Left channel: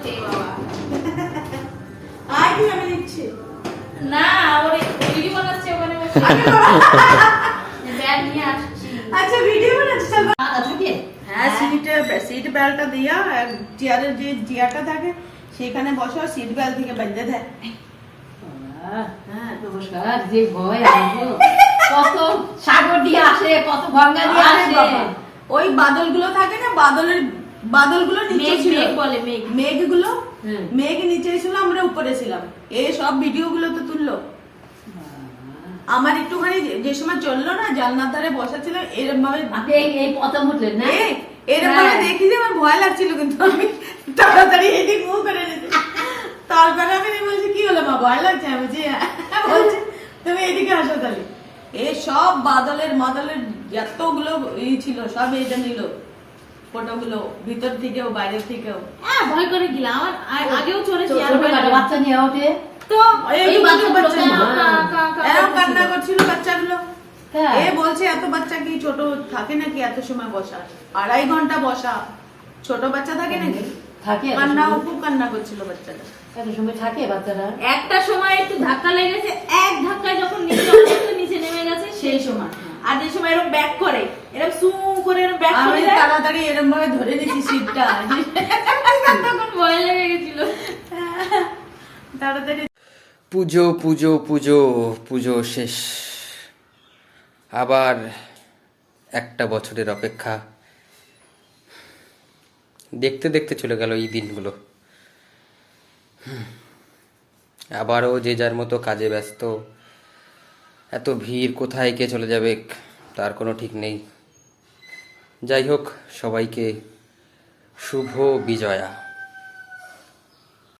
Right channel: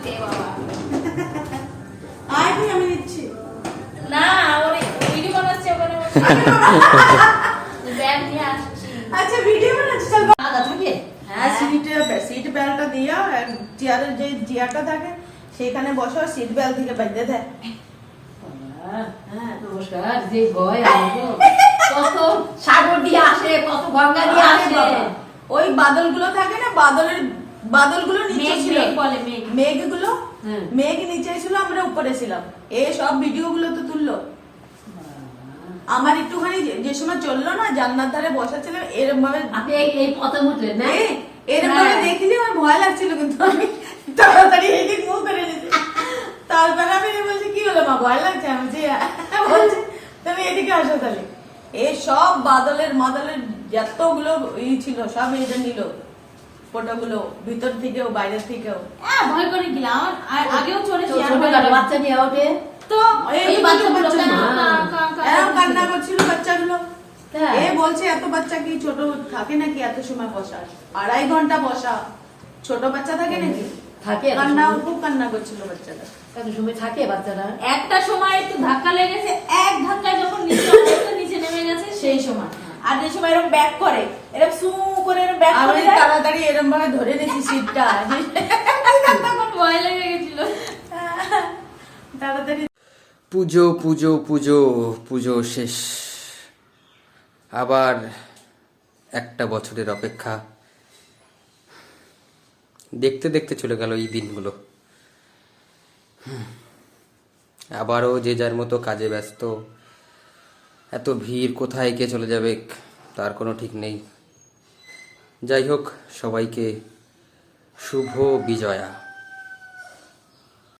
ওকে বাবা আয় আমি নিচ্ছি না ওর ভিডিও বানাচ্ছে ওখানে ব্যাগ নিয়ে আসছি। আচ্ছা ভিডিও বানাচ্ছি চল আদা থাকে হ্যাঁ সিট বেল্টটা দিয়া চেয়ারের যে চেয়ারটা থাকে সেখানে বসো সিট বেল্ট থেকে বেঁধে দেয়। হ্যাঁ নমস্কার যে ভয় আমাকে কত সাগর দিয়ে আসে কত গঙ্গা দিয়ে আরে আসে বাবা, ওই বাদলগুলো থাকে না বাদলগুলো নিচে মেঘ ছিল মেঘ বলে মেঘ মেঘগুলো হুম। মেঘ নিচে ছিল আমরা উপরে ছিলাম এই সব ভিডিও গুলো তো তুললো আমার একটুখানি যে সময় চললো না জানলার ধারে বসা ছিল এরকম ভাবে আপনি এই প্রথম উঠলেন না এরকম ভাবে হ্যাঁ। দেখি যে আমার ভয় লাগছিল কিন্তু আমি তাড়াতাড়ি এদিক মুখ করে নিয়েছি তারপরে আমি বলছি কি হলো মা ভয় লাগছে আমি যে বলছি তুমি এদিকে আসো তাহলে এই সব বাদলের যতগুলো ছিল সব এটা নিল ফটোগুলো ভিতর থেকেও বাইরের থেকেও হ্যাঁ ভয় করে গেলাম আমার আগেও চড়েছি আর ভয় লাগে বাচ্চা নিয়ে ওঠে তো এই বাচ্চা এরকম কান্না করছে করছিল বাচ্চাগুলো হ্যাঁ। এ বলছে এত বাচ্চা কি ছোট থাকে নাকি এত সময় বসা 2.5 ঘন্টা বসা ছোট বাচ্চা থাকে নাকি থাকে খুব কান্না করছিল বাচ্চাটা কত সময় থাকে বাচ্চারা একটা সময় একটু ধাক্কা লেগেছে এক ধাক্কায় যখন নিচে নেমে গেছে সেই সময় আর যে সময় এরকম ব্যাক করে এরকম সু করে এরকম ব্যাক করে আমি যায়, তাড়াতাড়ি এরকম ভাবে ধরে নিয়েছি সিটটা তখন ভয় লেগে গেছিল তাড়াতাড়ি পুজো পুজো পুজো পুজো শেষ আবার একটা বছরের অপেক্ষা দেখতে দেখতে চলে গেল এই দিনগুলো আবারও যে যার মতো কাজে ব্যস্ত এত ভিড় কোথায় কে চলে যাবে তার কোনো ঠিক নেই যাই হোক সবাইকে শুভ বিজয়া।